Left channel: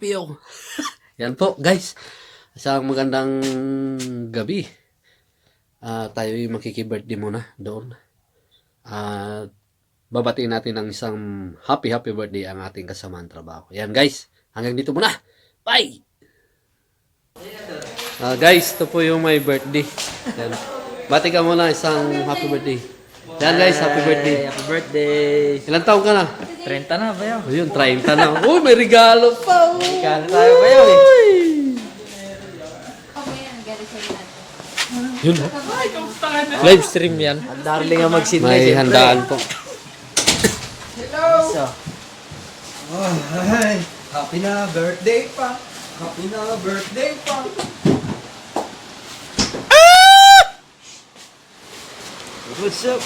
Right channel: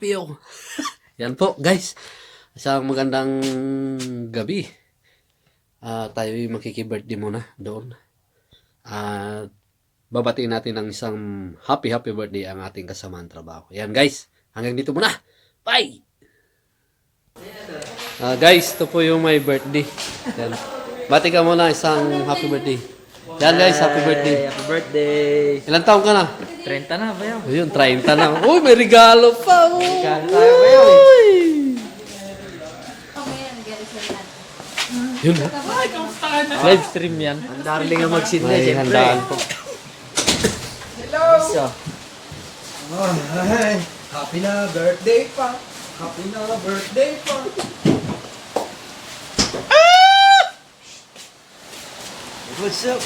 Tapio. Yan po, guys. Isang magandang gabi. Tayo makiki-birthday muna doon. At babatiin natin ng isang happy birthday ang ating kasamang trabaho. Yan, guys. Hanggang dito muna. Bye! Guys, ito po yung my birthday. Yan. Bati ka muna isang happy birthday. Yan, guys, happy birthday. Happy birthday. Ilang taon ka na? 30 na ba yun? Ayun, 30 na. Uy, may regalo pa. Regalo tayo ba yun? Yun, oh. Live stream yan. Ang darling nga mag-sit na May handaan po. So, Oh, hi. Happy na birthday pa. Happy na birthday pa. what's up?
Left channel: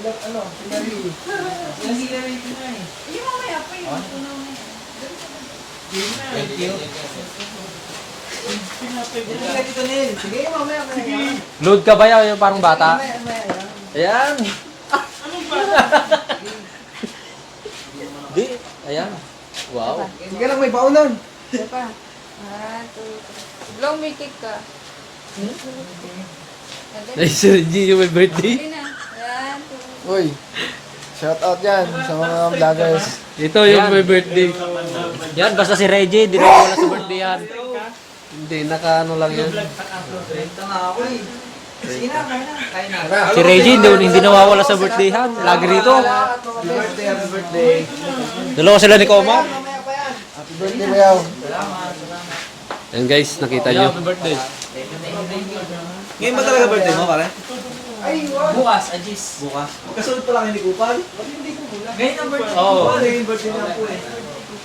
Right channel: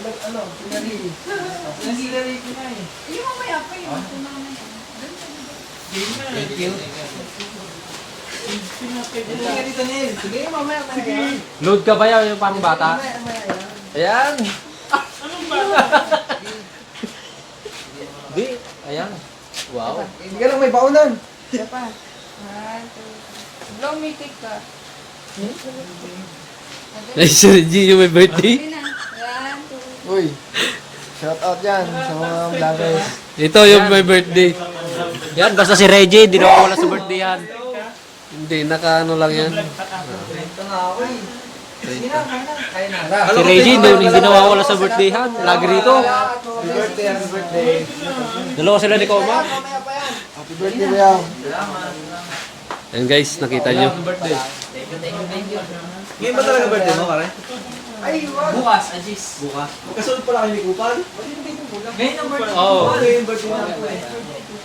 Ano, pinari. Thank you. Dito Neil. Sige, mamaya kaya. Load ka ba yun yung parang bata? Ayan. Di, ayan. Wow. Hindi lang may baunan. Isa pa. 1, 2, blow me cake ka. Nice, G, yung may birthday. Hindi na. 1, 2. Uy. Shout out yan sa mga vloggers. Ito yung may birthday. Yan, basta si Reggie, di na wala sa birthday yan. Hindi, naka-ano lang yan. Si Reggie, hindi nawawala sa birthday yan. Lagi rito. Happy birthday, happy birthday. Dalawa sila ni Koma. Happy birthday, Leo. Yan guys, nakita nyo. birthday. Ngayon ba talaga birthday mo, pare? Ay, wow. Bukas, Ajis. Bukas. Magkasunod pala kayo ni Kupal? Bakit hindi ko mula? Ngayon ang birthday. Oo. Yung birthday na po eh.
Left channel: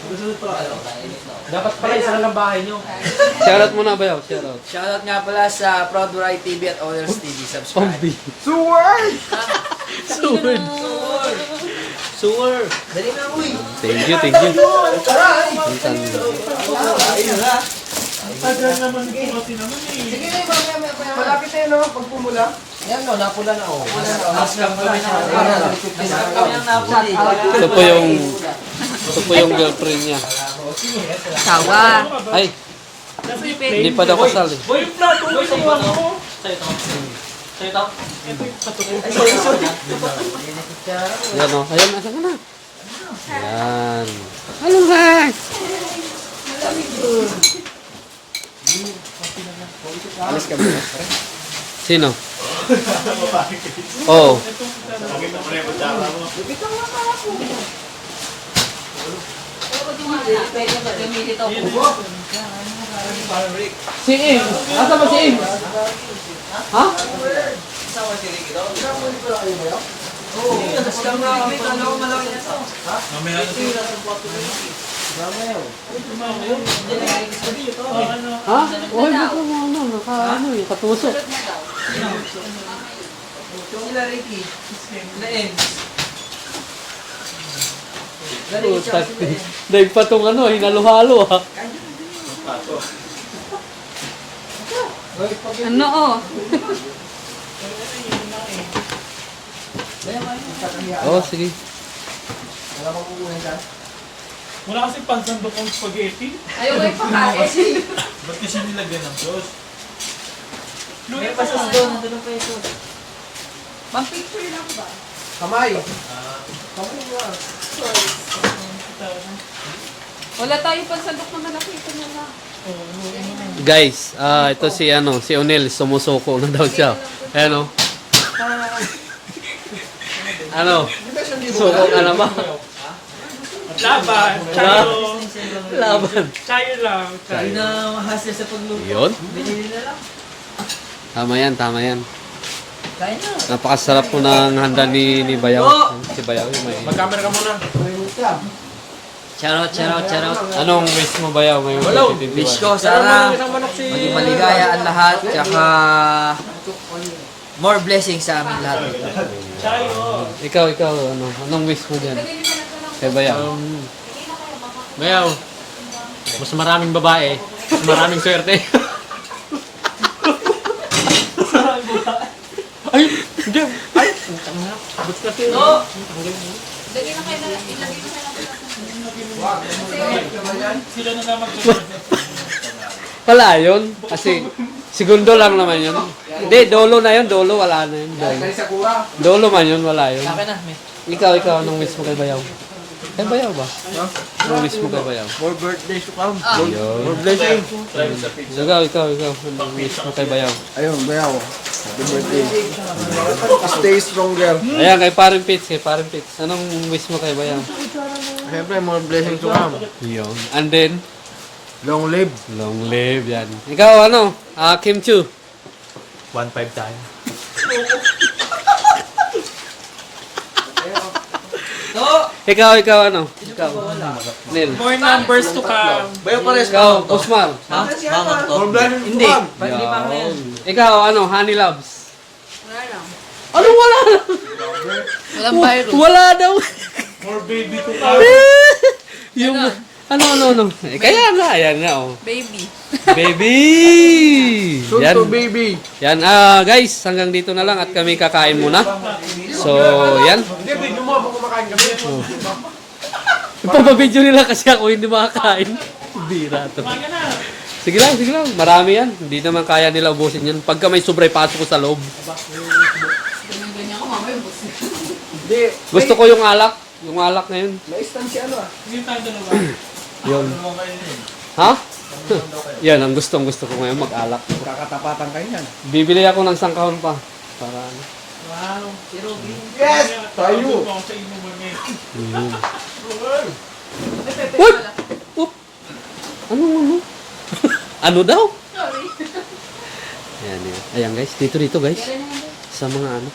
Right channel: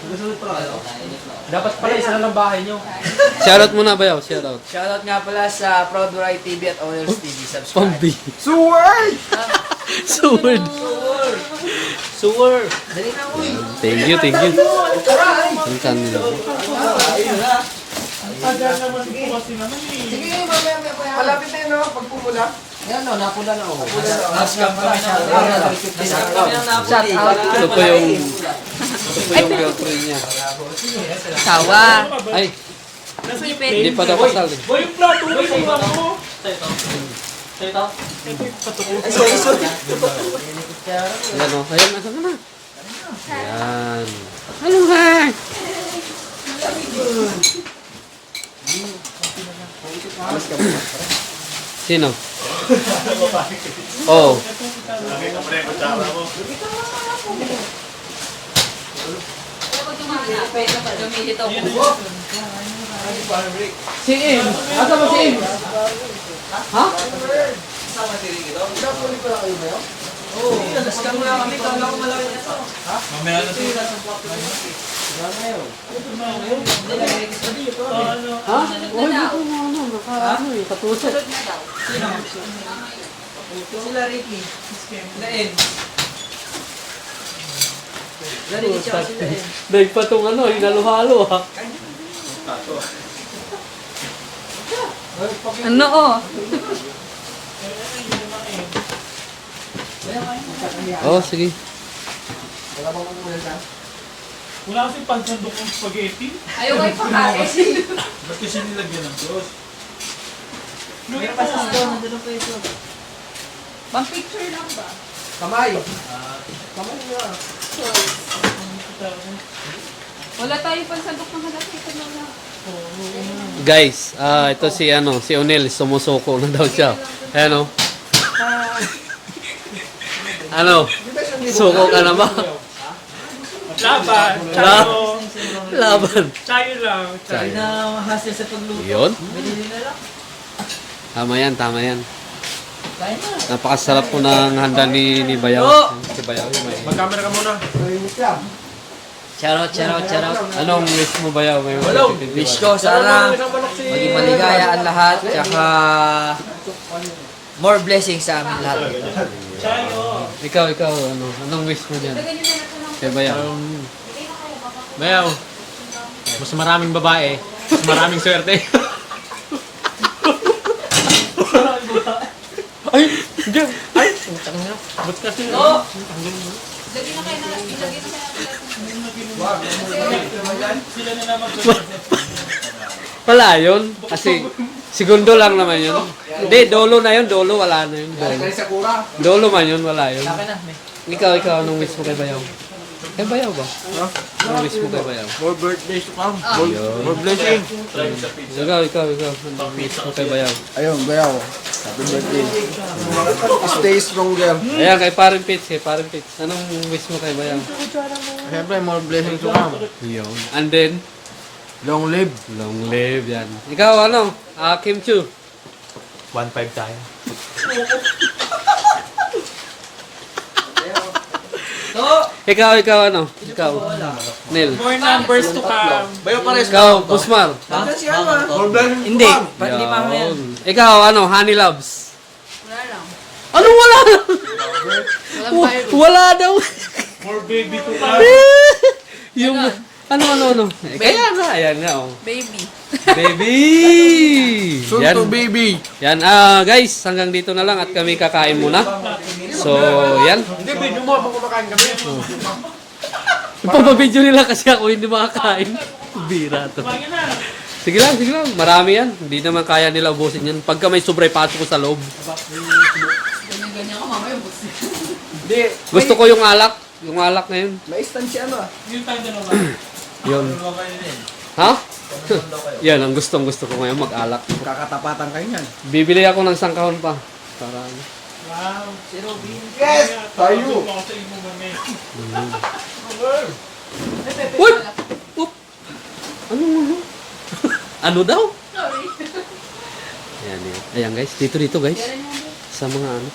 Magkasunod pala kayo. Dapat pala isa lang bahay nyo. Shoutout muna ba yaw? Shoutout. Shoutout nga pala sa Proud Variety TV at Owners TV. Subscribe. Pambi. Suway! Suword. Sewer. Dali na, uy! Thank you, thank you. Taray! Ang kanila. Ayun na. Sige, mamaya. Malapit na yun, no? Pag pumula. Yan o, napula na o. Nascam kami siya. Ito po yung girlfriend niya. Tawa. Ay, Hindi hindi pwede. pa daw kasal eh. Yan o. Ayan, nasa ka na. Ayan. Hello, Hank! Sino? Oh. Si Im. Asa ba si Im? Ha? Ha? Oh, hindi ko na ano. Ano yung kapuso. Sila Ricky. Lain. Dahil pa itong ano, hinalo-halo ha. Ano oh? Oh, sige. Wala kasi pansandok ng spaghetti. Ayaw ko ipakain. Ba't kasi nilagyan ng sauce? May pasas doon, nandun pa ito. Pang-picture lang ba? Kamay. Wala tayong pansandok na nakita na lang. Guys, ito si ano, si Onel, sumusuko na daw siya. Ano? Ano? Suko ka na ba? Laban! Tayo! Laban. Tayo lang! Sabi na mahasya sa pagluto. Yun? Binili na lang. Tama yan, tama yan. Kaya na. Napakasarap po ng handa ni Bayaw. Si Bayaw. Mag-camera ka muna. Shoutout. Anong wish mo Bayaw? Wish ko sana maging maligaya ang lahat. Tsaka more blessings sa amin lahat dito. Ikaw, ano? Anong wish mo dyan? Kay Bayaw. Bayaw, mas maraming babae, mas maraming swerte. Sila na naman. Wala yun. Kasi, segundo lang naman yun. Hindi, dolo na yun. Dolo, wala na yun. Dolo. Dolo man yun, wala yun. Ikaw, anong wish mo kay Bayaw? Kay Bayaw ba? Anong wish mo kay Bayaw? More birthdays to come. Ayun. More blessing. Ikaw. Anong wish mo kay Bayaw? Ayun, bayaw. Happy birthday. Stay stronger. Ayan, kay Parin Pitts. Anong wish mo kay Bayaw? Siyempre, more blessings to come. Yun. And then, Long live. long live, yan. Ikaw, ano? Kim Chu. 1.5 tayo. Ikaw, ano? Ikaw. Neil. More numbers to come. Bayaw pares Ikaw, Usmar. More blessings to come. Yan. Ikaw, ano? Honey Loves. Wala lang. Ano wala? Walang virus. Wala daw. More baby to come. Yung, ano. Kaya nga, yan nga, oh. Baby. Baby! Soon Yan. to baby. Yan, guys, hanggang dito na lang at kami kakain muna. So, yan. Hindi, video mo habang kumakain kami. Ipapabidyo nila kasi ako hindi makakain. Bira to. Sige lang. Marami yan. Hindi naman kaya nila ubusin yan. Pagka may sobra, pasok ko sa loob. Ganyan ka mamaya. Hindi. Gusto ko yung alak. Yung alak ngayon. May stand si ano ah. Hindi tayo dalawa. Yun. Ha? Yan, ang gustong gusto ko ngayon, mag-alak. Kakatapatan kayo niyan. Bibili ako ng sangkahon pa. Para ano. Wow. Yes! Tayo! Sa inyo mami. What? Oop! Ano? Ano daw? Sorry. Ayan. Ayan guys, dito guys. Sa mga ano.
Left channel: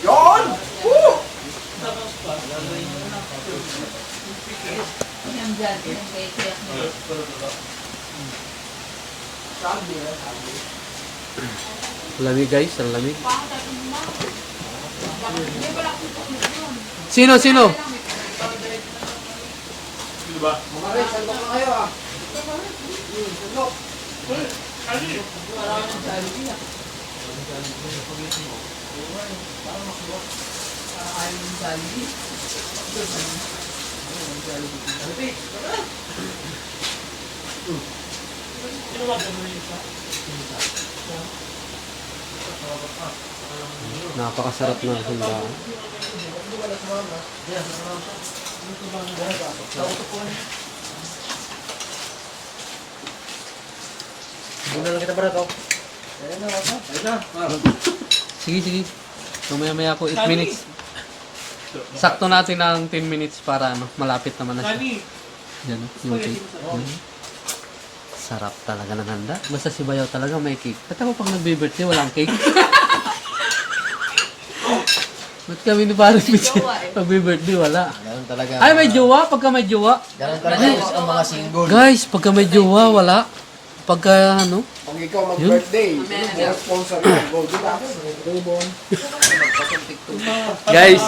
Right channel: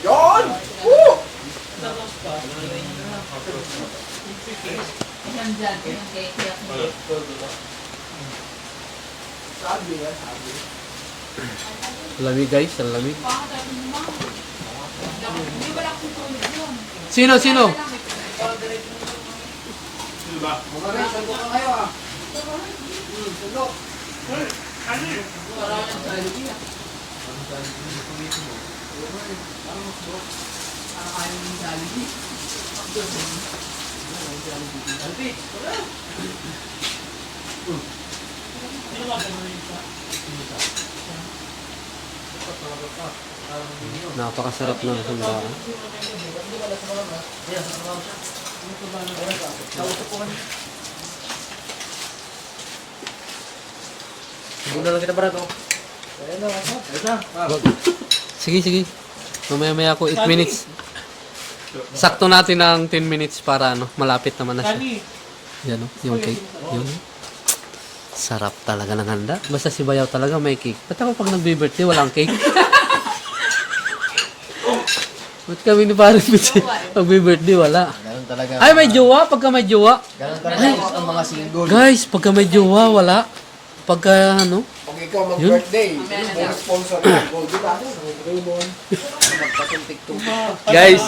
Yon! Woo! Ayan dyan. Ayan kaya Lamig guys, ang lamig. Sino? Napakasarap na handaan. Hindi na lang kita para to. Sige. Mamaya ako 8 minutes. Sakto natin ng 10 minutes para ano, malapit naman na siya. Kani. Yan yung cake. Yun. Sarap talaga ng handa. Basta si Bayaw talaga may cake. At ako pag nag-birthday, walang cake. Ba't kami ni Paris nag-birthday, wala. Ganun talaga. Ay, may jowa. Pagka may jowa. Ganun talaga ang mga single. Guys, pagka may jowa, wala. Pagka ano. Kung ikaw mag-birthday, mga sponsor na. Go, di ba? Guys,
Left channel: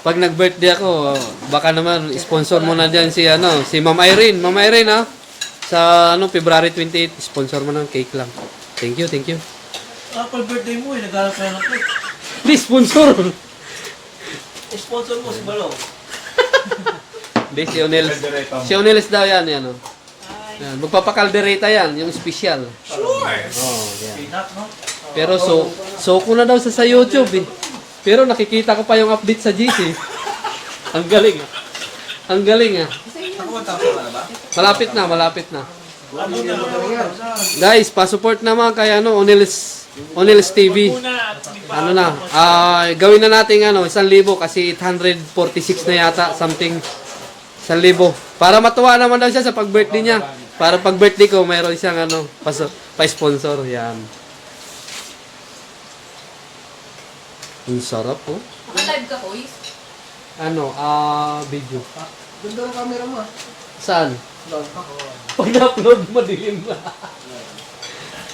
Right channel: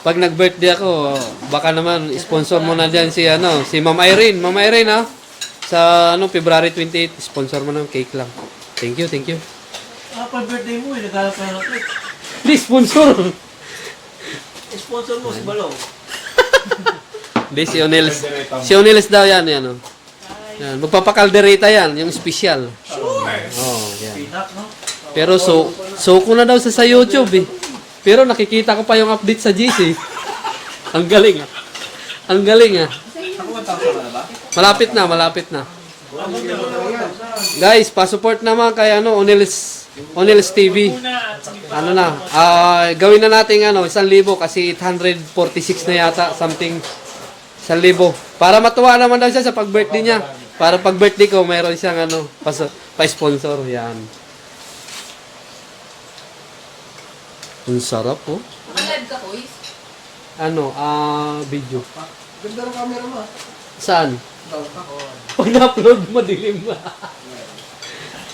pag nag-birthday ako, baka naman sponsor mo na diyan si ano, si Ma'am Irene. Ma'am Irene ha. Sa ano February 28, sponsor mo ng cake lang. Thank you. Pag birthday mo, naglalap na ng cake. Di sponsor. Sponsor mo si Balong. Di si Onelis. Si Onelis daw yan, yan oh. Yan, magpapakaldereta yan, yung special. Sure. Oh, yan. Peanut, no? Pero so ko na daw sa YouTube eh. Pero nakikita ko pa yung update sa GC. Ang galing. Ang galing ah. Malapit na. Guys, pa-support naman kay ano, Onelis TV. Ano na, gawin na natin ano, 1,000 kasi 846 na yata, something 1,000. Para matuwa naman daw siya sa pag-birthday niya. Para pag-birthday ko, mayroon siyang ano, pa-sponsor. Yan. Ang sarap oh. Live ka, Koy? Ano, video. Ganda ng camera mo ah. Saan? Pag na-upload mo, dilim na.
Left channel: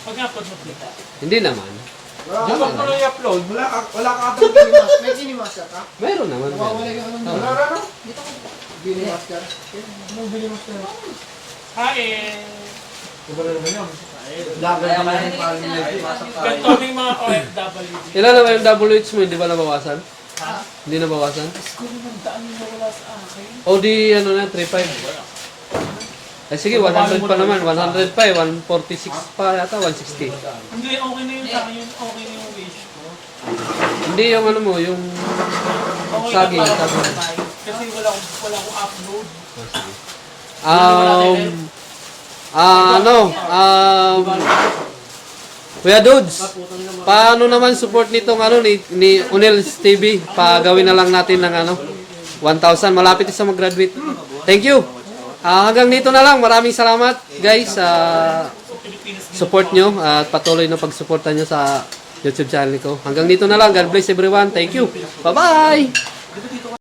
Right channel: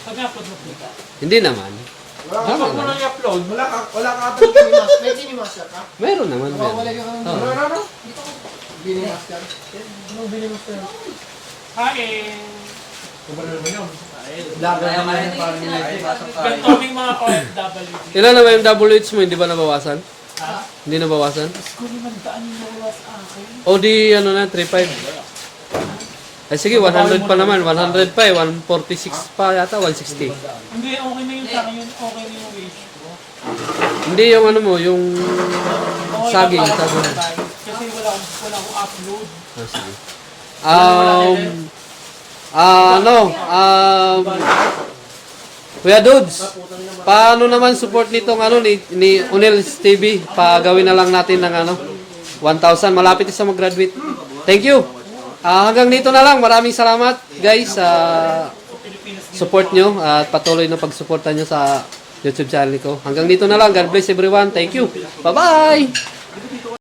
Pag-upload mo kita. Hindi naman. Dapat mo lang i-upload. Wala ka upload Ginimaster. May Ginimaster ka? Meron naman. Wala Meron. ka naman. Ano? Ginimaster. Hain. Iba na naman yun. Laban na naman yung parang Ganito kami mga OFW. Ilan na ba yung WH mo? Hindi ba nabawasan? Hindi nabawasan? Ko naman daan yung nawala sa akin. O di ano na, 3.5. Ay sige, 100 pa naman. 100 pa eh. 146 pa yata, 160. Hindi, okay na yun sa akin yun. Okay na yung wish ko. Hindi yung ano mo, yung Okay saging. na para saging. sa time. Kasi wala akong upload. Kuya Dudes, paano naman support nitong ano ni Unels TV? Pagawin na lang natin ng ano 1,000, malapit sa mag-graduate. Thank you. Hanggang dito na lang. Maraming salamat guys sa support nyo at patuloy na pagsuporta nyo sa YouTube channel ko. Hanggang dito na lang. God bless everyone. Thank you. Bye-bye.